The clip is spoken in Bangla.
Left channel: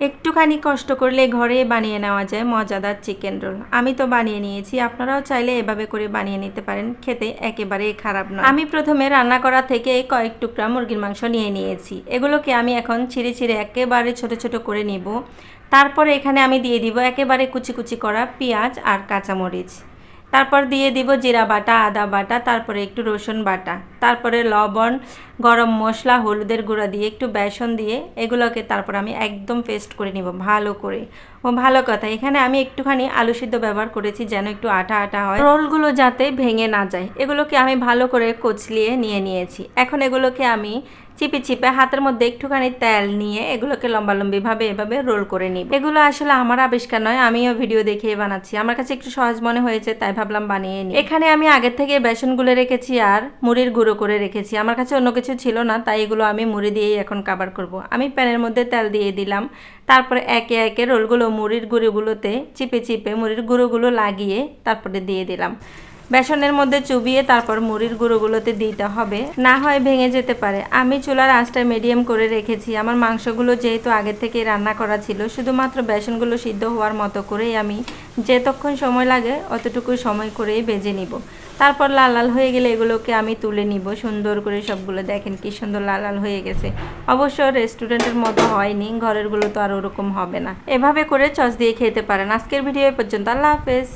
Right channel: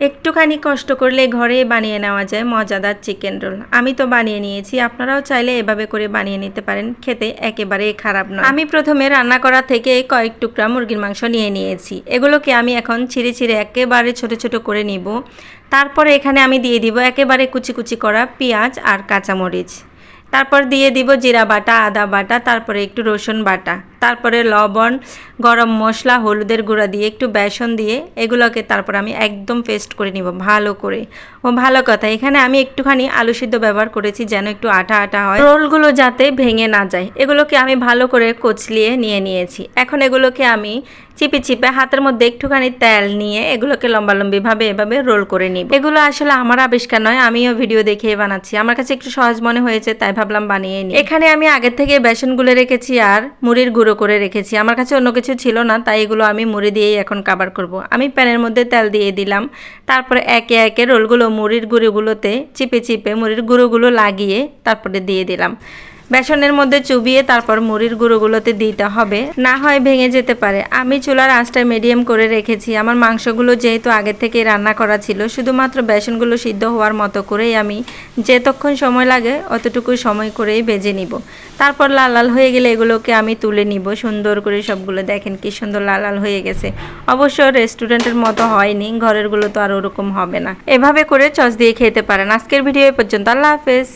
একটুখানি কষ্ট করলে ঘরে বানিয়ে নেওয়া যায় মজাদার চিকেন রোল। আমি তো বানিয়ে নিয়েছি, আপনারাও চাইলে এভাবে করে বানিয়ে নিতে পারেন, খেতে একেবারেই খারাপ নয়। আমি প্রথমে রান্না করা থেকে কয়েক টুকরা মুরগির মাংস নিয়ে নিয়েছি। এগুলোকে আমি এখন ছিঁড়ে ছিঁড়ে একেবারে ছোট ছোট করে নিব। তারপরে এখানে আমি দিয়ে দিব একেবারে কুচি কুচি করা পেঁয়াজ আর কাঁচামরিচ। তারপর দিয়ে দিব জিরা বাটা, আদা বাটা, তারপরে একটু রসুন বাটা, তারপরে লবণ, গরম মশলা, হলুদের গুঁড়া দিয়ে একটু বেসন দিয়ে এগুলোকে তারপর আমি একদম পেস্ট করে নিব ভালো করে। ও ভালো কথা, এখানে আমি একটুখানি আলু সিদ্ধ ব্যবহার করেছি যেন একটু আঠা আঠা হয়, রোলগুলো যাতে ভেঙে না যায়। এগুলোকে আমি ভালো করে কচলিয়ে নিয়ে নিয়েছি। এখন এগুলোকে আমি চিপে চিপে হাতের মধ্যে একটুখানি তেল নিয়ে এগুলোকে লম্বালম্বিভাবে এভাবে রোল করে নিব। এগুলো আসলে আমার আবিষ্কার নয়, আমিও ভিডিও দেখে বানাচ্ছি, আমার কাছে একটু সহজ মনে হয়েছে তাই ভাবলাম বানিয়ে নিই। এখানে আমি আগের থেকে বেসন গুলে রেখেছি আর মুড়ির গুঁড়ো করে রেখেছি। আমার কাছে অন্য কিছু ছিল না, তাই এগুলো আমি মুড়ি দিয়েই এখন কাবার করব। আমি প্যানের মধ্যে তেল দিয়ে দিলাম, তারপরে একে একে রোলগুলো মুড়ির গুঁড়োগুলোতে চিপে চিপে মুড়ির গুঁড়োগুলো লাগিয়ে তারপরে দিয়ে দিলাম। বেসনের মধ্যে চুবিয়ে তারপর মুড়ির গুঁড়োগুলোতে দিতে হবে, না হয় ভেঙে যেতে পারে। আমি চুলার আঁচটা মিডিয়াম করে রেখেছি। আমার মাংসগুলো যেহেতু আগে থেকে রান্না করা ছিল, শুধুমাত্র বেসনগুলো সিদ্ধ হওয়ার মতো করেই আমি যেতক্ষণ সময় লাগে অতটুকু সময় করেই ভেজে নিব। তারপর লাল লাল হয়ে গেলে এগুলোকে আমি তুলে নিব সুন্দর করে সবগুলো। দেখেন কি সুন্দর লাল লাল হয়ে গেছে। অবশ্য রেস্টুরেন্টের মতো হয়নি, ঘরেরগুলো তো আর ওরকম হবে না। এভাবে করে সস দিয়ে খেতে পারেন। আজকের ভিডিও এ পর্যন্ত। আল্লাহ হাফেজ।